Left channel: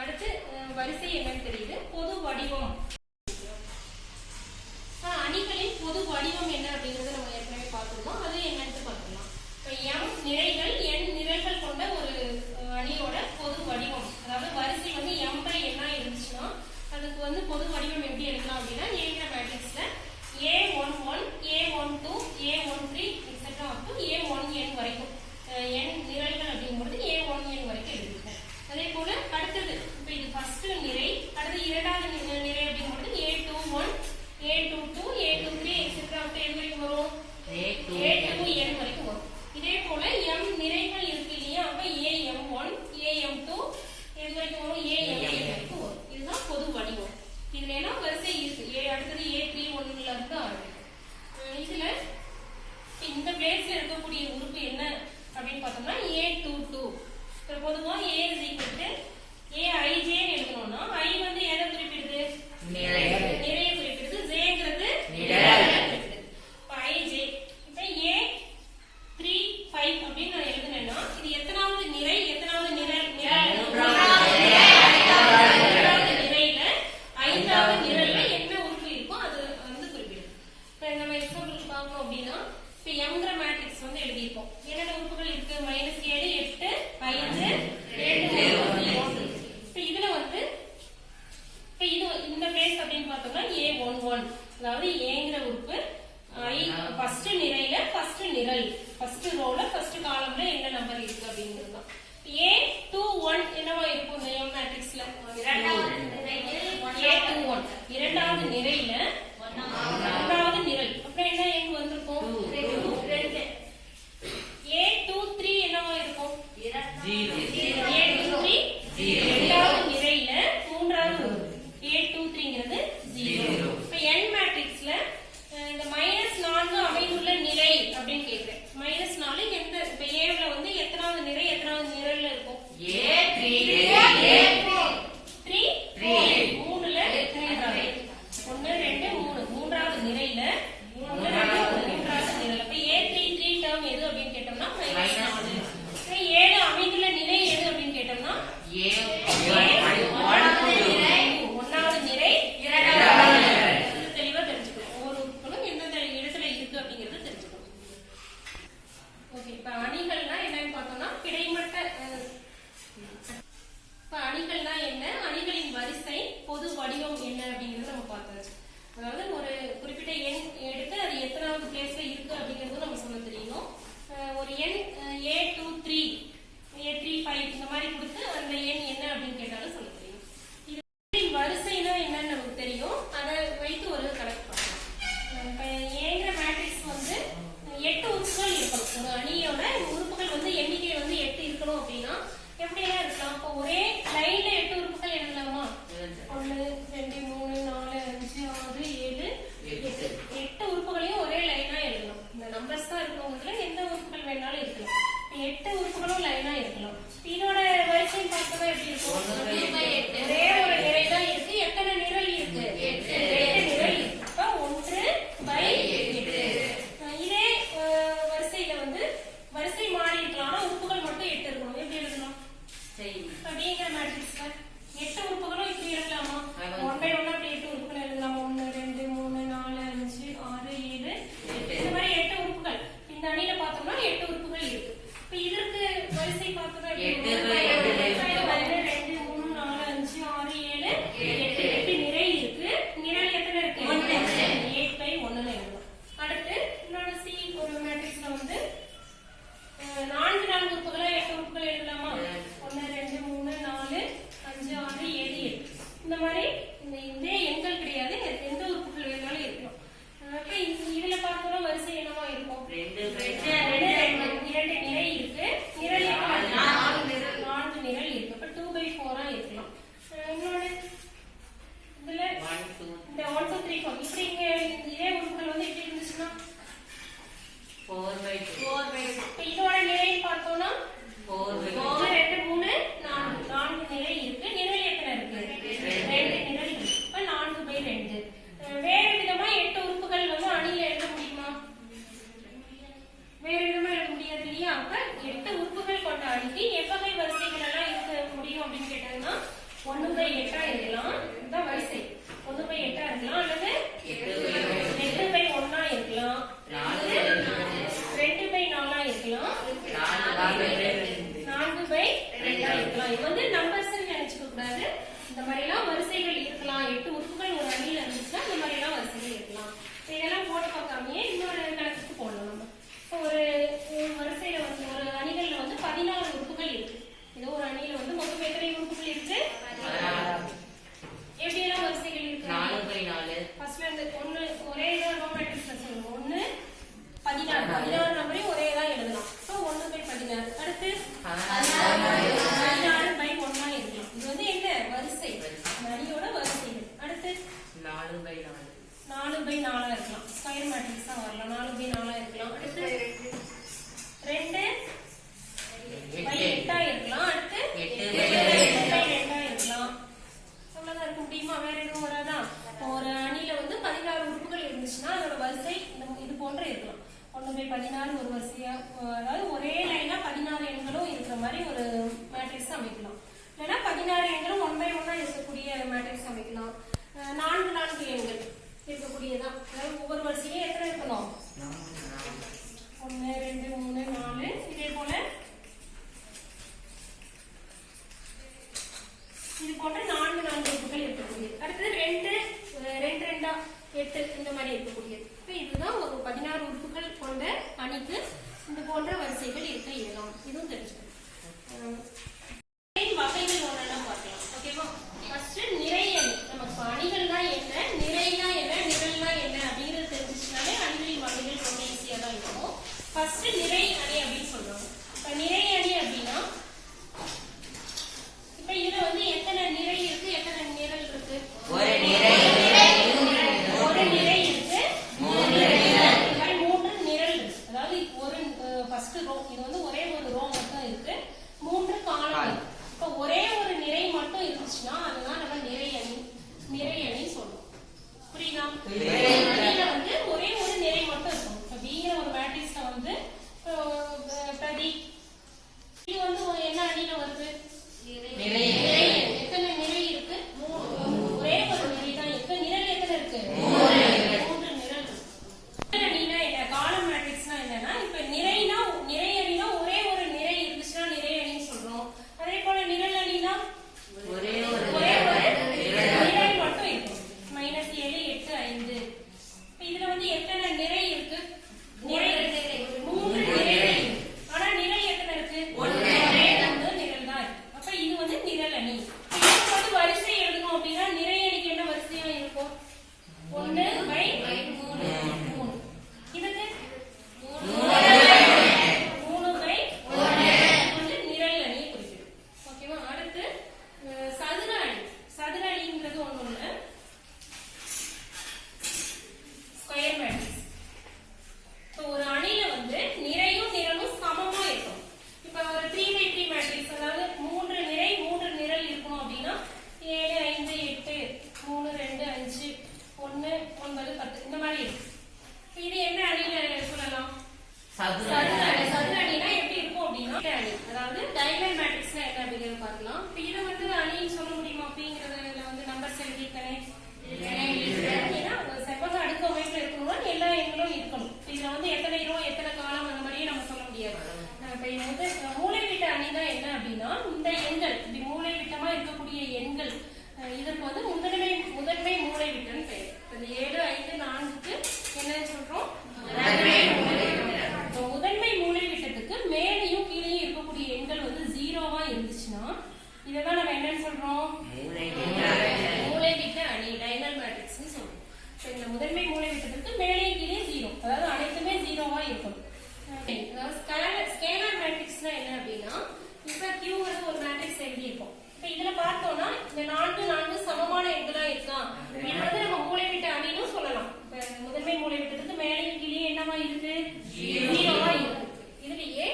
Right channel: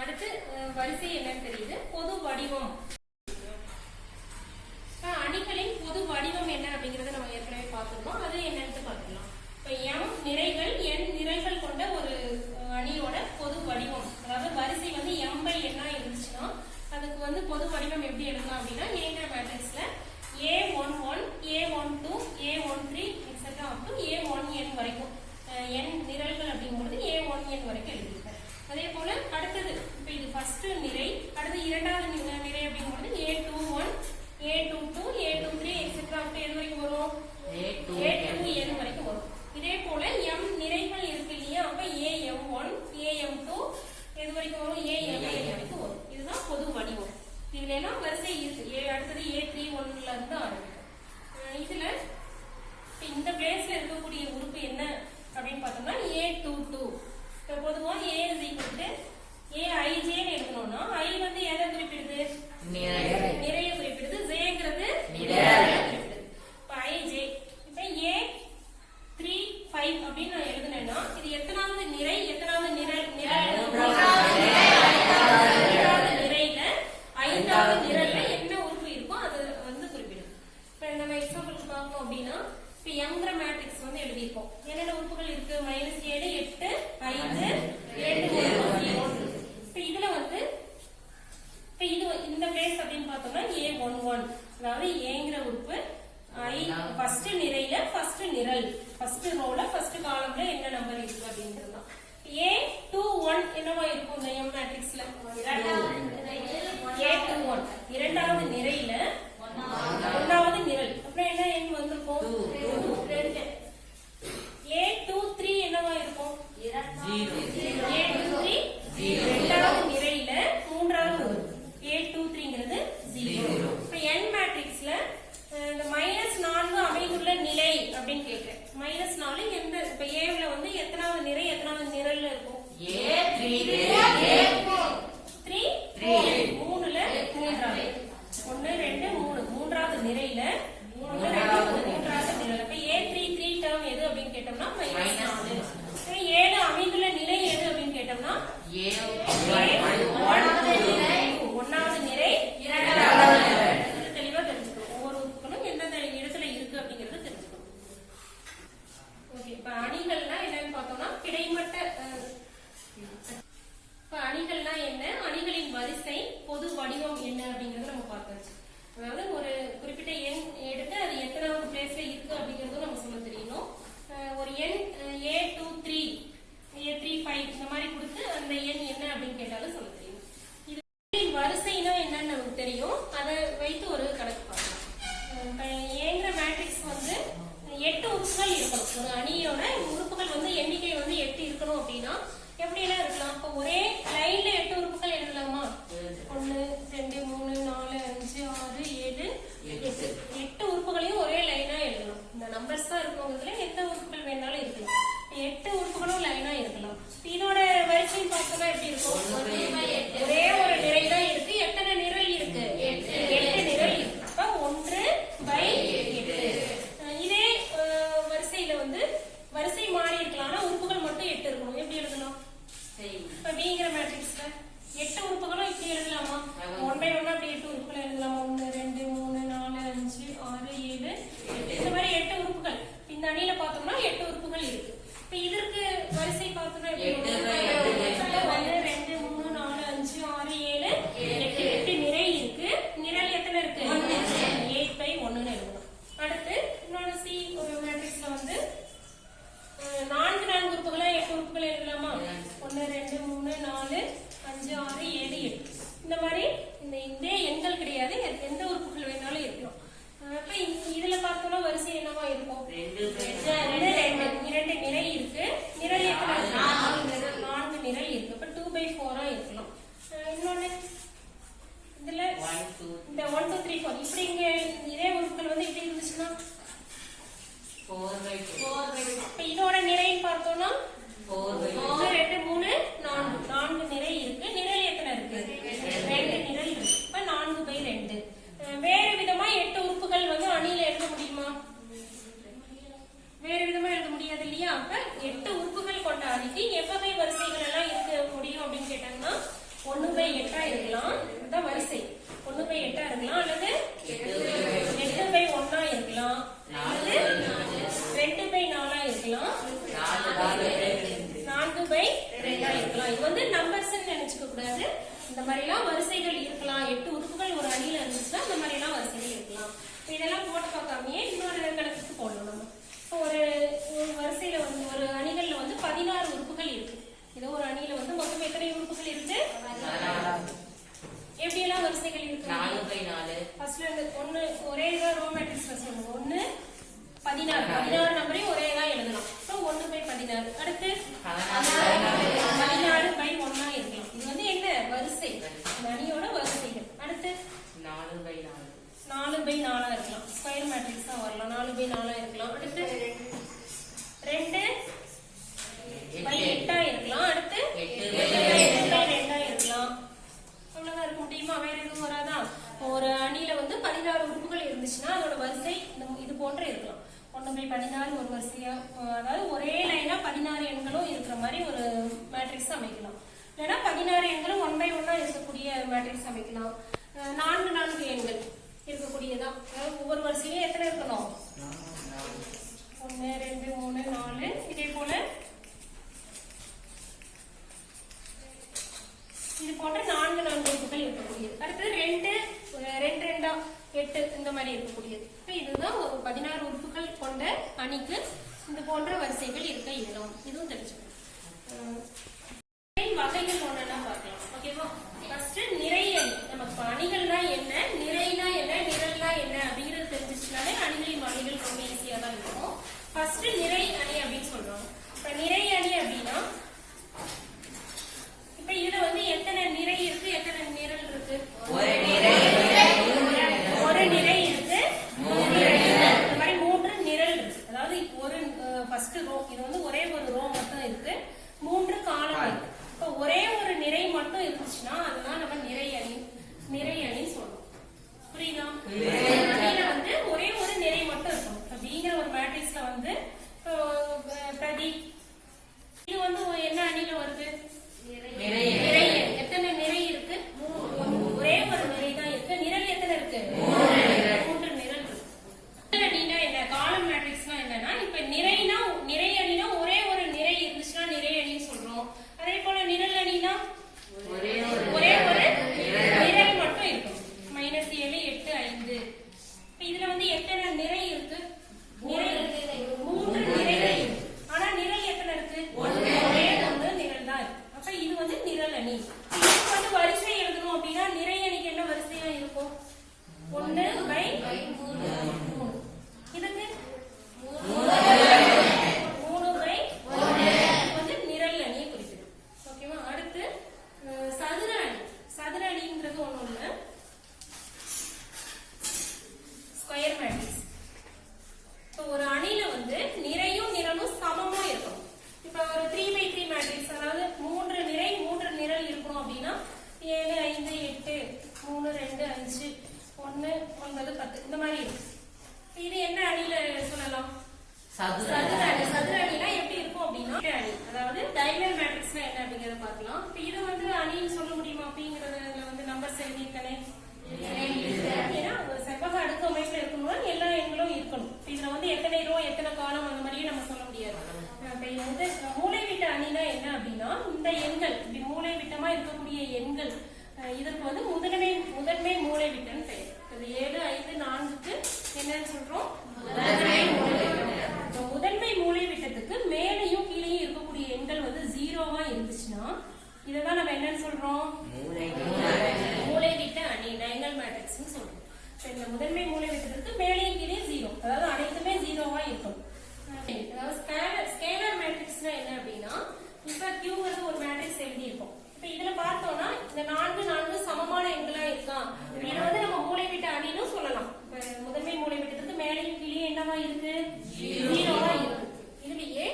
அடுத்து வரிசை என்னன்னு தெரியுது. பொது வடிவம். அணிகளின் பொது வடிவம் என்ன அப்படிங்கறத நம்ம ஏற்கனவே பார்த்துருந்தோம். அது என்னன்னு பார்க்கலாம். இப்ப m நிறைகள் n நிறைகள் கொண்ட ஒரு அணியோட பொது வடிவம், அதாவது வரிசை வந்து m/n இருந்துச்சுன்னா அதுக்கு வந்து பொது வடிவம் எப்படி எழுதலாம் அப்படின்னா, ஏங்கிற மேட்ரிக்ஸ்ல A11, A12, A13 etcetera up to A1n வரைக்கும் n நிரல்கள் அப்படிங்கும்போது A1n வரைக்கும் எழுதிருக்கேன். அதே போல அடுத்தது இப்ப இது ஃபர்ஸ்ட் நிரை, அடுத்து இரண்டாவது நிரை அப்படிங்கும்போது A21, A22, A23 etcetera up to எது வரைக்கும் வரும்? A2n வரைக்கும் வரும். இதே போல m நிறைகள் இருக்கு இல்லையா, அப்ப AM1, AM2 எது வரைக்கும் வரும்? AMn வரைக்கும் வரும். இதுதான் பொது வடிவம். இதுல எல்லாம் வரிசை இருக்கு. அடுத்தது A31ல இருந்து ஆரம்பிக்கும். இதுல இந்த பிளேஸ்ல இருக்கக்கூடிய உறுப்பு என்ன அப்படின்னு பார்த்தோம்னா A22. இப்ப பொதுவா A is equal to Aij ன்னு எழுதணும்னா I வந்து எதை குறிப்பிடுது? நிறைய குறிப்பிடுது. Jங்கிறது குறிப்பிடுது. இப்ப Ij இப்ப A35 அப்படின்னு நான் எழுதுனேன்னா இது எத்தனாவது நிரை, எத்தனாவது நிரல்? ஐந்தாவது நிரல்ல என்ன உறுப்பு இருக்கோ அது வந்து குறிப்பிடுது. இப்ப நம்ம எக்ஸாம்பிளுக்கு பார்க்கணும் அப்படின்னா, இப்ப mங்கிற மேட்ரிக்ஸ் வந்து எழுதியிருக்கோம். என்னென்ன உறுப்புகள் இருக்கு? -7, 8, 5, 2, 1. இப்ப இதுல வந்து இப்ப இது இந்த பிளேஸ் அப்படின்னு பார்த்தோம்னா A11, அதாவது ஏங்கிற உறுப்பு ஃபர்ஸ்ட் நிரையில ஃபர்ஸ்ட் நிரல், ஃபர்ஸ்ட் ரோல ஃபர்ஸ்ட் காலம்ல என்ன நம்பர் இருக்கு அப்படிங்கிறது தான். A21 என்னவா இருக்கும் இந்த m மேட்ரிக்ஸ்ல? A21 இரண்டாவது நிரையில ஒன்றாவது நிரல். அப்புறம் என்ன எண் வந்திருக்கும்? 2. A23 என்னவா இருக்கும்? 0. A23 இரண்டாவது நிரையில மூன்றாவது A23ங்கிறது 0. இப்ப n மேட்ரிக்ஸ்ல இந்த -4 அமைந்துள்ள நிலை அப்படின்னு கேக்குறேன். -4 எந்த இப்ப Aல வந்து எத்தனாவது நிரை, எத்தனாவது நிரல்ல இருக்கும்? மூணுல மூன்றாவது. 1, 2, 3 மூன்றாவது நிரையில 1, 2, மூன்றாவது நிரல். அப்ப A33 டேர்ம் எது அப்படின்னு கேட்டோம்னா -4. 7 அமைந்துள்ள நிலை எது அப்படின்னு கேட்டோம்னா ஒன்னாவது நிரை, இரண்டாவது நிரல். தெளிவா தெரிஞ்சுக்கணும். ஒவ்வொரு உறுப்புகளும் எந்தெந்த இடத்துல இருக்கு அப்படிங்கறது தெரிஞ்சுக்கணும். ஓகே, இப்ப அணிகள்னா என்னன்னு பார்த்தோம்னா கிடைமட்ட. இப்ப அணிகள்னா என்ன, அணிகளின் வரிசை, பொது வடிவம் என்ன அப்படிங்கறது நம்ம பார்த்தாச்சு. அதாவது ஒரு குறிப்பிட்ட எண் எடுத்து அது எத்தனாவது பிளேஸ்ல இருக்கு அப்படிங்கறது நம்ம சொல்ல தெரியணும். ஒரு எண் A23, A35 இந்த மாதிரி கொடுத்து அந்த எண் என்ன அப்படின்னு கேட்டாலும் சொல்ல தெரியும். இது வரிசைனா என்னன்னு நமக்கு தெரியும். அதை வைத்து ஒரு கணக்கு பார்க்கலாம். ஏங்கிற மேட்ரிக்ஸ் வந்து 8 உறுப்புகள் இருக்கணும். ஒரு அணியோட உறுப்புகள் வந்து எண்ணிக்கை வந்து 8 இருக்கணும் அப்படின்னா எப்படி எல்லாம் இருக்கலாம்? இப்ப ஒரே லைன்ல 8 உறுப்புகள் எழுதலாமா? 1, 2, 3, 4, 5, 6, 7, 8. 8 உறுப்புகளையும் ஒரே லைனா எழுதணும். இந்த நம்பர்ஸ் தான் இருக்கவங்கல எத்தனை உறுப்புகள் வேணாலும் இருக்கலாம். 8 உறுப்புகளும் லைனா இருக்கலாம். இதோட வரிசை பார்த்தா எப்படி இருக்கும்? ஒரே ஒரு நிரை தான் இருக்கு. எத்தனை நிரல் இருக்கு? 8 நிரல் இருக்கு. அப்ப 1/8. இதே வரிசையில வந்து வரிசை மாறி இருக்கலாம். ஆனா உறுப்புகள் மட்டும் 8 இருக்கணும். எப்படி எழுதணும்? இப்ப Bங்கிற மேட்ரிக்ஸ்ல 8 உறுப்புகளும் இப்படி எழுதலாமா? 1/1 அப்படி 8 உறுப்புகள் எழுதலாமா? 1, 2, 3, 4, 5, 6, 7, 8. இந்த மாதிரி 8 உறுப்புகள். இந்த அணியில பார்த்தோம்னா 8 உறுப்புகள் இருக்கு. இப்ப இதற்கு வரிசை பார்த்தோம்னா 1, 2, 3, 4, 5, 6, 7, 8 நிரை இருக்கு. நிரல் எத்தனை இருக்கு? 8/1 எழுதணும். அடுத்து இன்னொரு C ஒரு மேட்ரிக்ஸ்ல வந்து 4 உறுப்புகளை 8 உறுப்புகள் எழுதலாமா? 1, 2, 3, 4, 5, 6, 7, 8. இந்த மாதிரி இதே எண்கள் கிடையாது. எந்த உறுப்புகள் வேணாலும் இருக்கணும். அப்ப இதுல பார்த்தோம்னா வரிசை என்னவா இருக்கும்? 2 நிரை இருக்கு. நிரல் 4 நிரல் இருக்கு. அப்ப 2/4 இருக்கலாம். இன்னொன்னு இதுல இந்த 1, 2, 3, 4 இப்படி இங்க இதே உறுப்புகள் வந்து எப்படி இருந்துச்சுன்னா 4/4. இப்ப இதோட நிறை பார்த்தோம்னா 1, 2, 3, 4 நிரை இருக்கு. நிரல் எத்தனை இருக்கு? 2 நிரல் இருக்கு. இப்ப 4/2. வேறு விதமா 8 உறுப்புகள் வந்து அணியில எழுத முடியுமா? வேறு விதமா எழுத முடியாது இல்லையா? அப்ப 8 உறுப்புகள் கொண்ட அணிக்கு எவ்வகை வரிசைகள் எல்லாம் இருக்க முடியும் அப்படின்னு கேட்டாங்கன்னா 1/8 இருக்கலாம். இதுதான் வரிசை. 1/8 இருக்கலாம் அல்லது 8/1 இருக்கலாம் அல்லது 2/4 இருக்கலாம் 4/2 இருக்கலாம். இது வந்து நம்பர்ஸ் நினைச்சுக்க கூடாது. இந்த மாதிரி எல்லாம் வரிசைகள் இருக்கலாம். 8 உறுப்புகள் ஒரு அணியில இருந்துச்சுன்னா இந்த மாதிரி எல்லாம் வரிசைகள் இருக்கலாம். இதெல்லாம் போட்டு பார்க்காமயே இன்னொரு கணக்குக்கு போடணும். நம்ம ஒரு வரிசையில வந்து ஒரு அணிகள்ல வந்து 16 உறுப்புகள் இருக்கு. இது ஒரு அணியில வந்து மொத்தம் எத்தனை உறுப்புகள் இருக்கு? எப்படி எல்லாம் வரிசைகள் இருக்கு? 4/4. ஃபர்ஸ்ட்ல இருந்து ஒன்னு ஒரே இதா ரோ மேட்ரிக்ஸ்ல சொல்லுங்க. 1 16 நம்பரையும் ஒரே தான் எழுதலாம். சோ 1/16. அடுத்து 16/1 இருக்கலாம். இது வந்து என்ன வரிசை? அணியோட வரிசைகள். அடுத்து 4/4 இருக்கலாம். ஸ்கொயர் மேட்ரிக்ஸா வரலாம். 4/4 இருக்கலாம். அடுத்து 2/8 இருக்கலாம். அடுத்து 8/2 இருக்கலாம். அவ்வளவுதான் இருக்க முடியுமா? வேற எதுவும் வராதா? ஒரு அணியில வந்து 16 உறுப்புகள் இருந்துச்சுன்னா அதோட வரிசை இது போன்று இருக்கலாம். 1/16 ஒரு வரிசையா, அதாவது ஒரே லைனா 16 எண்களும் இருக்கிற மாதிரி ஒரு மேட்ரிக்ஸ் அமைக்கலாம். இல்லைன்னா 16 எண்களும் 1/1 இருக்கக்கூடிய மேட்ரிக்ஸ் அமைக்கலாம். 4 எண்கள் இருக்கக்கூடியதான். அதாவது ஒவ்வொரு வரிசையும் எத்தனை இருக்கணும்? 1 2 3 4. இதே போல இது போன்ற 4 உறுப்புகள் இருக்கக்கூடியது. அடுத்தது 2 2 8 இந்த மாதிரி இருக்கக்கூடியது. இதுதான் ஒரு 16 உறுப்புகள் கொண்ட அணிக்கு இந்த போன்ற வரிசைகள் இருக்க இயலும். இதுவும் தெரிஞ்சுக்கணும். வகைகள் ஒன்னெல்லாம் பார்க்கலாம். ஓகேவா? ஃபர்ஸ்ட் நிறை அணி. நமக்கு அணிகள்னா என்ன, நிறைனா என்ன, நிரல்னா என்ன அப்படிங்கிறது தெரிஞ்சிச்சுனாலே அணிகளின் வகைகள் ரொம்ப ஈஸியா தான் இருக்கும். ஃபர்ஸ்ட் நிறை அணி அப்படின்னு சொல்றோம். இப்ப நிறை அணி அப்படின்னா இப்ப இதுல வந்து எத்தனை நிறை இருக்கு, எத்தனை நிரல் இருக்கு? ஒரு நிறை இருக்கு. இந்த மாதிரி 3 நிரல் இருக்கு. அதாவது ஒரு ஃபர்ஸ்ட் ரோ, இது வந்து ஒரே ஒரு ரோ மட்டும் இருக்கு. 3 காலம் இருக்கு. இப்ப ஒரே ஒரு நிறை மட்டும் இருந்துச்சுன்னா அதுதான் நம்ம நிறை அணி சொல்றோம். புரியுதா? அணியில வந்து ஒரே ஒரு நிறை மட்டும் இருக்கும். இப்ப பிங்கிற ஒரு மேட்ரிக்ஸ்ல வந்து பிரதி இது வந்து என்ன அணியில வருது? எத்தனை நிறை இருக்கு? ஒரே ஒரு நிறை தான் இருக்கு. நிரல் எத்தனை இருக்கு? 3 நிரல் இருக்கு. அணினா என்ன? காலம் மேட்ரிக்ஸ்னா என்னன்னா, இப்ப நிறை அணினா ஒரே ஒரு நிறை இருந்துச்சுன்னா நிறை அணின்னு சொல்றோம். அதே போல நிரல் அணினா ஒரே ஒரு நிரல் மட்டும் இருக்கும். -7 8 5. இதுல வந்து எத்தனை நிறை இருக்கு? 3 நிறை. ஆனா நிரல் எத்தனை இருக்கு? ஒரே ஒரு நிரல் தான் இருக்கு. அப்ப இது வந்து நிரல் அணி. இதுக்கு வந்து வரிசை எழுதணும் அப்படின்னா நிறை அணிக்கு என்ன வரிசையா இருக்கும்? 1/3. இதுக்கு 3/1 வந்து நிரல் அணியை குறிப்பிடும். ஓகேவா? அடுத்து சதுர அணி. சதுர அணிங்கிறது ஒண்ணும் இல்ல, ஸ்கொயர் மேட்ரிக்ஸ். இப்போ ஒரு அணியில வந்து நிறையும் நிரலும் சமமா இருக்கும். இப்ப ஒரு 3/3 மேட்ரிக்ஸ், அதாவது 3 நிறை 3 நிரல் இருக்கணும் அப்படின்னா 7 5 8 3 2 5 1 9 10 இந்த மாதிரி இருக்கு. இது என்ன அணியில சொல்லலாம்? சதுர அணினா எப்படி இருக்கும் அப்படின்னா அணி, அதாவது டைகோனல் மேட்ரிக்ஸ்னா என்ன அப்படிங்கறத பார்க்கலாம். இப்போ இதை வந்து அணின்னு சொல்ல முடியுமா அப்படிங்கறதுல வந்து நம்பர்ஸ் எழுதிருக்கனே. ஏன்னா ஒரு செவ்வக அடுக்கு அமைப்புல இருக்கணும்னா எல்லா எண்களும் இருக்கணும். இதுல வந்து எத்தனை ரோ எத்தனை காலம் அந்த மாதிரியே நம்ம சொல்ல முடியாது. இப்ப இது வந்து மூலைவிட்ட அணினா என்ன அப்படின்னா, இந்த எண்கள் இப்படி மூலை விட்டமா இருக்கக்கூடிய எண்கள் இதற்கு வந்து முதன்மை மூலைவிட்டம்னு பெயர். 7 5 4க்கு என்னன்னு சொல்றோம்? முதன்மை மூலைவிட்டத்துக்கு மேலையும் கீழையும் இருக்கக்கூடிய எண்கள் வந்து 0வா இருந்துச்சுன்னா இததான் நம்ம என்னன்னு சொல்றோம்? மூலைவிட்ட அணி, டைகோனல் மேட்ரிக்ஸ்னு சொல்றோம். இந்த முதன்மை மூலைவிட்டத்துக்கு மேலையும் கீழே 0, அதாவது அனைத்துமே 0வா இருக்கும். அதாவது ஸ்கேலார் மேட்ரிக்ஸ்னா என்ன அப்படின்னா, இப்ப Qங்கிறது ஒரு மேட்ரிக்ஸ் எழுதி இருக்கும். இப்ப இதுல பார்த்தோம்னா இந்த 4 சமமான எண்களா இருக்கா, இதை வந்து நம்ம மூலைவிட்ட அணின்னு சொல்லலாம். முதன்மை மூலைவிட்டத்துக்கு மேலையும் கீழே என்னவா இருக்கு? 0வா இருக்கு. இதுலயே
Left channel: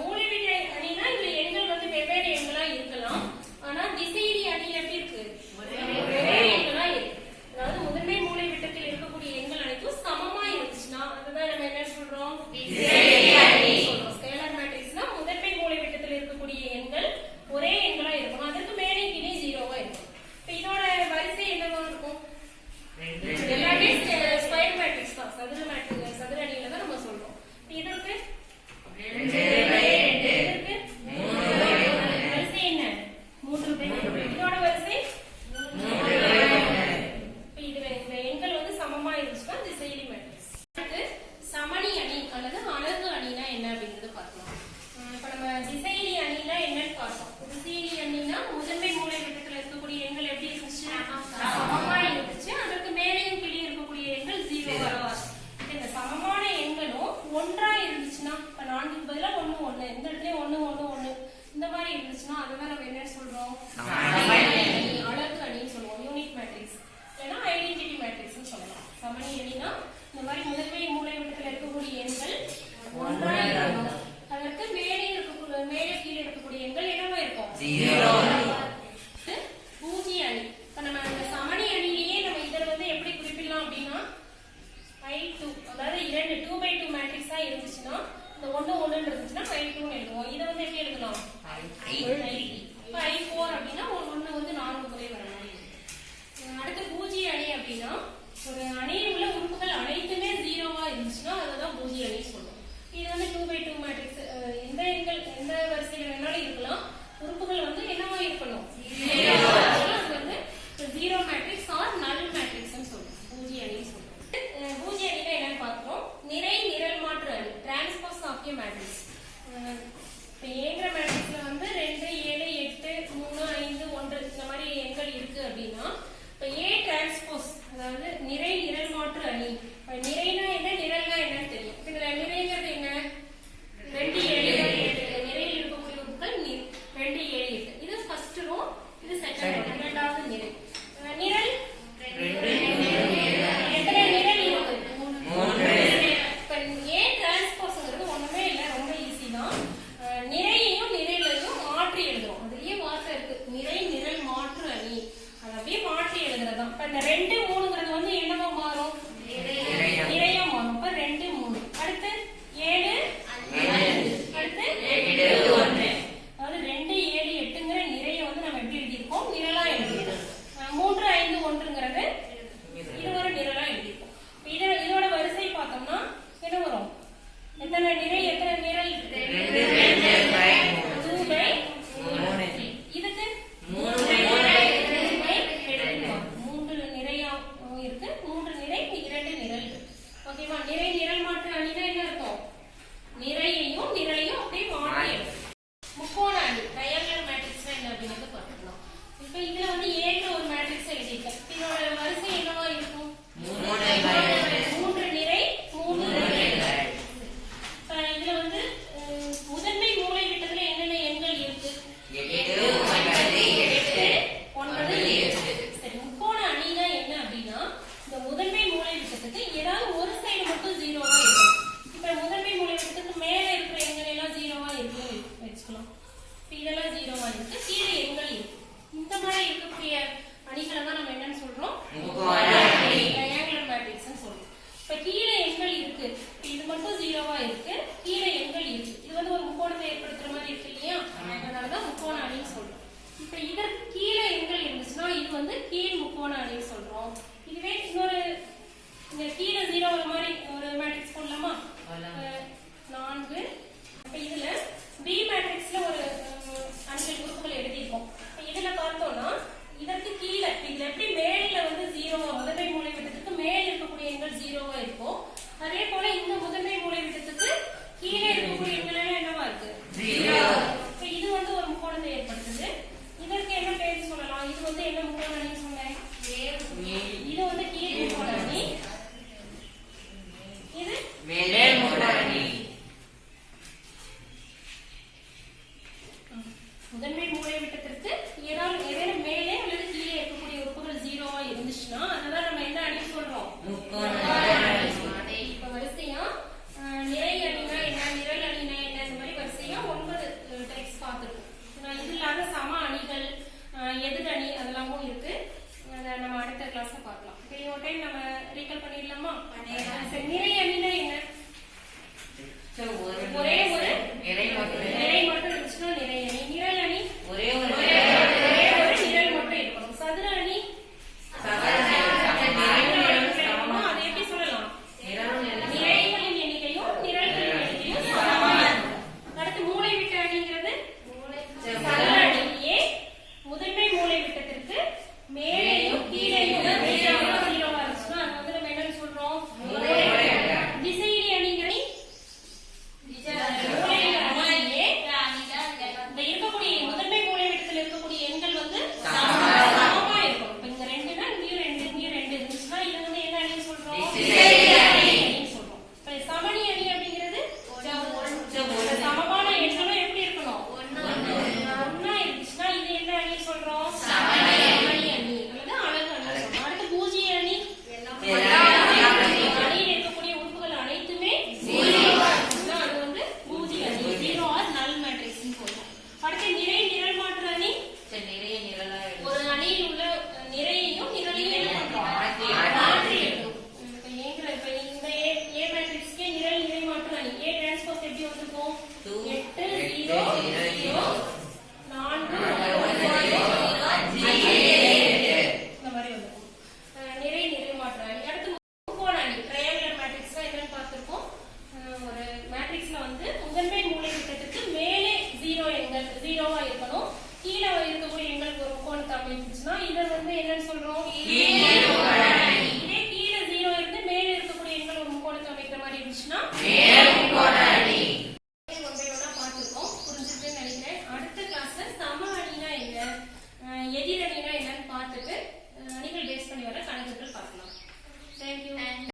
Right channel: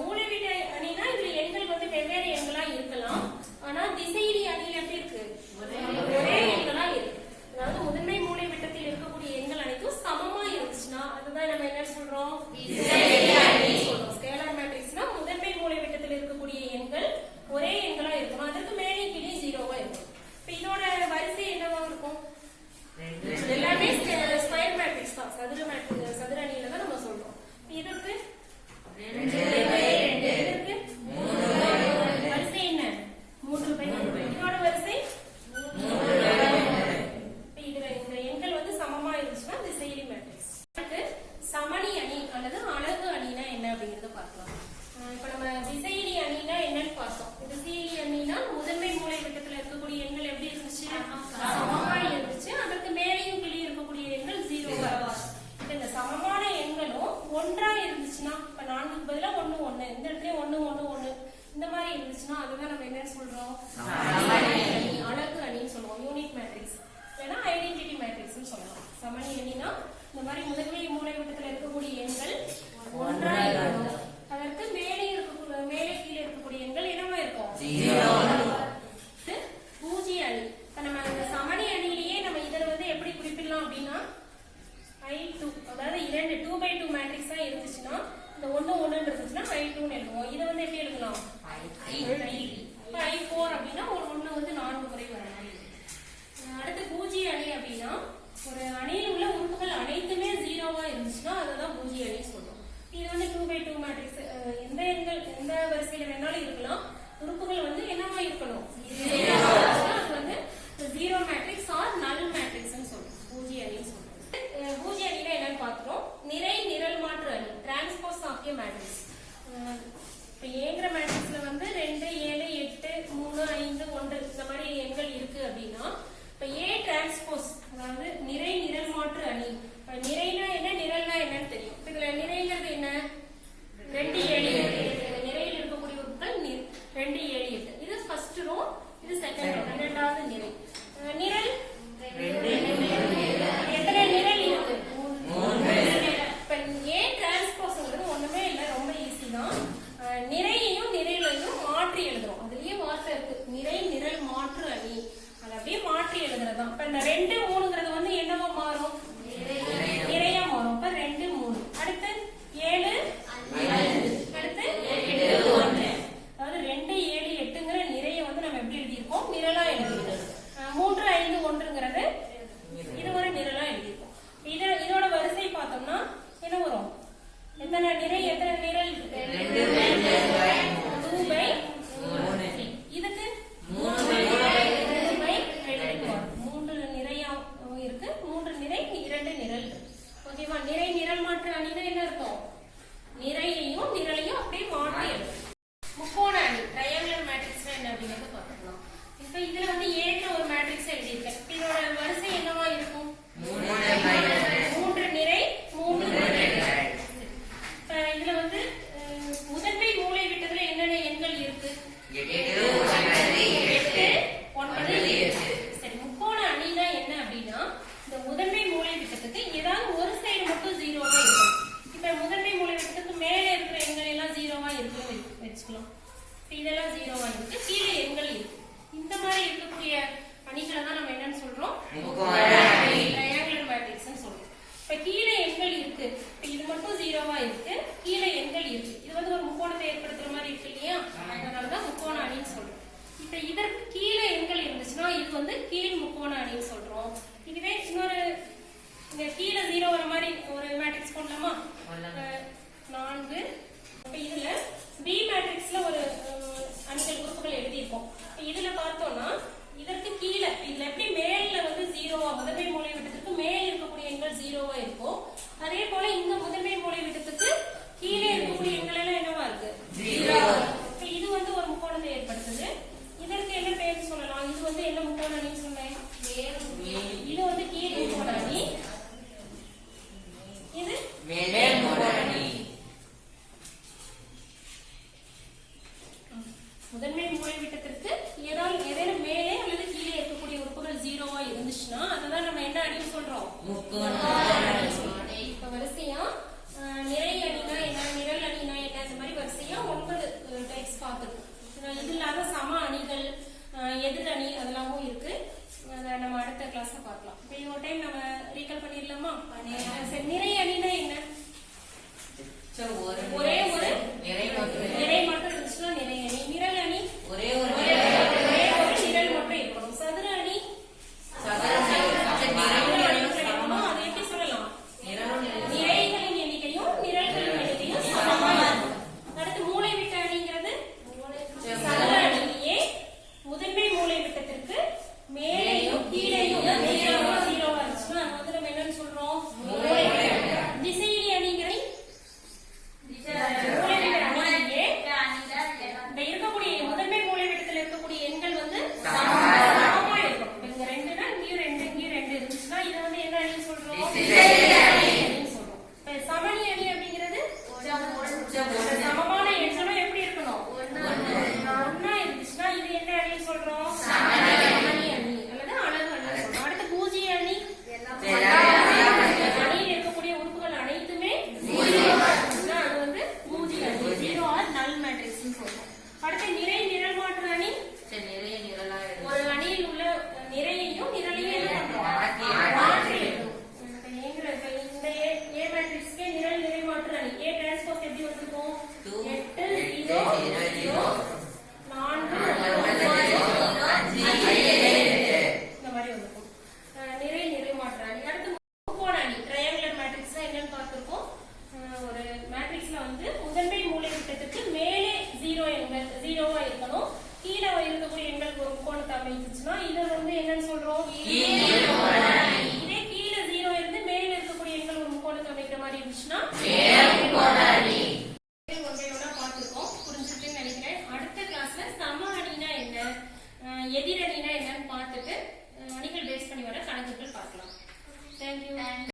மூலைவிட்ட அணினா இதுல எண்கள் வந்து வெவ்வேறு எண்களா இருக்கலாம். ஆனா திசையிலி அணியில எப்படி இருக்கு? ஒரே எண்களா இருக்கு. அதாவது முதன்மை மூலைவிட்டத்தில் இருக்கக்கூடிய எண்கள் அனைத்தும் சமமா இருந்துச்சுன்னா அதுதான் நம்ம என்ன சொல்றோம்? ஸ்கேலார் மேட்ரிக்ஸ்னா முதன்மை மூலைவிட்டத்தில் இருக்கக்கூடிய எண்கள் ஒரே எண்களா இருக்கணும். அதற்கு மேலே கீழே 0வா இருந்துச்சுன்னா அதுதான் நம்ம என்ன சொல்றோம், அழகு அணின்னு சொல்லுவோம், யூனிட் மேட்ரிக்ஸ் இல்லைன்னா ஐடென்டிட்டி மேட்ரிக்ஸ்னு சொல்லலாம். சமணி அணினா இந்த மாதிரி முதன்மை மூலைவிட்டத்தில் இருக்கக்கூடிய எண்கள் ஒன்றா இருக்கும். அதற்கு மேலே கீழே இருக்கக்கூடிய எண்கள் என்னவா இருக்கும், பூஜ்ய அணி. இப்ப நம்ம இந்த சமணி அணியிலேயே நம்ம இதில் வந்து எப்படி குறிப்பிடலாம் அப்படின்னா I2, அதாவது 2/2 மேட்ரிக்ஸ் தான் இருந்துச்சுன்னா இந்த 1 இருந்துச்சுன்னா I2 எழுதுவோம். இதை வந்து எப்படி எழுதலாம், I4 அப்படின்னா ஒரு 1 வந்து 4 முறை வர மாதிரி. அடுத்து பூஜ்ய அணி அப்படின்னா ஒரு அணியில் உள்ள உறுப்புகள் அனைத்துமே 0வா இருந்துச்சுன்னா அதுதான் பூஜ்ய அணி சொல்லுவோம். இது வந்து 2/2 மேட்ரிக்ஸ், எந்த எண்கள் எந்த வரிசையில வேணாலும் இருக்கலாம், உறுப்புகள் வந்து என்னவா இருக்கணும், அது வந்து 0 மேட்ரிக்ஸ் ஆர் நல் மேட்ரிக்ஸ்னு சொல்லுவோம், பூஜ்ய அணி சொல்லுவோம். பூஜ்ய அணினா என்னன்னு பார்த்தோம், நிறை நிரல் மாற்று அணி, டிரான்ஸ்போஸ் ஆஃப் எ மேட்ரிக்ஸ். இப்போ ஏங்கிற மேட்ரிக்ஸ்ல வந்து 2, 7, 8, 3, 5, 1 இந்த மாதிரி எண்கள் இருக்கு அப்படின்னா இப்போ ஏ டிரான்ஸ்போஸ் அதாவது நிறை நிரல் மாற்று அணி. நிறைனா என்ன, நிரல்னா என்னன்னு தெரியும். இதுல நிறைங்கிறது என்ன, 2, 7, 8 நிறையில் இருக்கக்கூடிய உறுப்புகள் 2, 7, 8. இது ஃபர்ஸ்ட் ரோ, இது செகண்ட் ரோ, இரண்டாவது நிறை. நிரல் எத்தனை நிரல் இருக்கு, 3. இப்ப ஏ டிரான்ஸ்போஸ்ங்கிறது ஒண்ணுமே இல்லை, ரொம்ப ஈஸி தான். நிறையையும் நிரலையும் மாற்றி எழுதுறோம். அதுலயே வார்த்தை இருக்கு, நிறை நிரல் மாற்று அணி, அதை அப்படியே மாற்றி எழுதுறதுதான். இப்ப இந்த 2, 3ங்கிறது வந்து என்னவா மாறும், நிறையா மாறும். இப்ப 2, 3. அடுத்து 7, 5. அடுத்து 1. அதாவது 2, 7, 8ங்கிற நிறைய வந்து நம்ம எப்படி எழுதியிருக்கோம், நிரலா எழுதியிருக்கோம். 3, 5, 1ங்கிறது இது ஒரு நிரலா எழுதியிருக்கோம். இதோட வரிசை பார்த்தோம்னா என்ன வரும், எத்தனை நிறை எத்தனை நிரல், 2/3. இதுக்கு 3 நிறையா இருக்கு, 3 நிறை 2 நிரல். ஓகேவா, நிறை நிரல் மாற்று அணினா என்ன இருக்கும், நிறையையும் நிரலையும் அப்படியே மாற்றி எழுதும். முக்கோண அணி ட்ரையாங்குலர் மேட்ரிக்ஸ் என்ன அப்படின்னு பார்த்துக்கலாம். இப்ப இதுல வந்து ஏற்ற ஒரு மேட்ரிக்ஸ் எழுதியிருக்கேன். இதோட வரிசை என்னவா இருக்கும், 3 நிறை 3 நிரல். இதுல வந்து முதன்மை மூலை விட்டதுல என்னென்ன எண்கள் இருக்கு, 8, 9, 7. சரி, முக்கோண அணினா என்ன அப்படின்னா இந்த முதன்மை மூலை விட்டத்துக்கு ஏதாவது ஒரு சைடு மட்டும் 0வா இருக்கும். இப்ப முதன்மை மூலை விட்டத்துக்கு மேல இருக்கிற எண்கள் எல்லாம் 0வா இருக்குன்னு வச்சுக்கலாம். இதெல்லாம் 0வா இருக்கு, கீழே எண்கள் இருக்கு. இந்த மாதிரி இருக்கக்கூடிய அணிகளை தான் நம்ம என்னன்னு சொல்றோம், ட்ரையாங்குலர் மேட்ரிக்ஸ்னு சொல்றோம். இப்ப கீழே எண்கள் இருக்கு, இது மட்டும் 0வா இருக்கு, கீழே எண்கள் இருக்கு. இது வந்து ஒரு முக்கோணத்தை ஏற்படுத்துற மாதிரி இருக்கு இல்லையா, அதனாலதான் முக்கோண அணின்னு சொல்றோம். இப்ப இதற்கு கீழே எண்கள் இருந்துச்சுன்னா இது வந்து கீழ் முக்கோண அணின்னு சொல்றோம். இதுவே இன்னொரு இங்க கீழே 0 வர மாதிரி ஒரு மேட்ரிக்ஸ் போடலாமா, 4. இப்ப இதுல பி மேட்ரிக்ஸ்ல ஒரு அணிகள் உறுப்புகள் எழுதியிருக்கோம். இதுல பார்த்தோம்னா இதற்கு கீழே இதுல எப்படி மேல வந்து 0வா முதன்மை மூலை விட்டத்துக்கு மேல இருக்கக்கூடிய எண்கள் 0வா இருக்கும், அதே போல இந்த முதன்மை மூலை விட்டத்துக்கு கீழே இருக்கக்கூடிய எண்கள் என்னவா இருக்கு, 0. இது வந்து ஒரு முக்கோணத்தை ஏற்படுத்துது. இதற்கு என்ன பேர் சொல்லலாம், இது வந்து என்ன முக்கோண அணி சொன்னேன், இது வந்து கீழ் முக்கோண அணி, இது மேலே முக்கோண அணி. முதன்மை மூலை விட்டத்திற்கு ஏதாவது மேலே அல்லது கீழே இருக்கக்கூடிய உறுப்புகள் 0வா இருந்துச்சுன்னா அதுதான் நம்ம என்ன அணி சொல்றோம், இப்ப வரிசையா நிறை அணினா என்ன, நிரல் அணினா என்ன, இந்த மாதிரி வரிசையா 9 டைப்ஸ் பார்த்துருக்கோம். இது இல்லாத சம அணிகள், எதிர் அணி அதெல்லாமும் இருக்கு. அதை நம்ம அடுத்த கிளாஸ்ல பார்க்கலாம். இப்போ ஒரு டைம் நம்ம ரீகால் பண்ணிடலாமா, நிறை அணினா என்ன, ஒரே ஒரு நிறை மட்டும் இருந்துச்சுன்னா நிறை அணி. நிரல் அணி ஒரே ஒரு நிரல் மட்டும் இருக்கணும். சதுர அணி அது எப்படி சொல்லலாம், நிறைகளின் எண்ணிக்கையும் நிரல்களின் எண்ணிக்கையும் சமமா இருக்கும். அடுத்து மூலை விட்ட அணிங்கிறது சதுர அணியே முதன்மை மூலை விட்டத்திற்கு மேலேயும் கீழேயும் 0வா இருந்துச்சுன்னா அது வந்து நம்ம என்னன்னு சொல்றோம், திசையிலி அணிங்கிறது மூலை விட்ட அணியே இதை வந்து என்னன்னு சொல்றோம்? இதே கீழே 0 இருந்து மேல இருக்கக்கூடிய எண்கள் ஒரு முக்கோணத்தை அமைக்கிற மாதிரி இருந்துச்சுன்னா ஒன்றையோட பார்த்துருக்கோம், புரிஞ்சுட்டுன்னு நினைக்கிறேன். அடுத்த கிளாஸ்ல சம அணினா என்ன, எதிர் அணினா என்னன்னு பார்த்துட்டு அணிகள் பேஸ் பண்ணி வர கணக்குகள் பார்க்கலாம். தேங்க்யூ.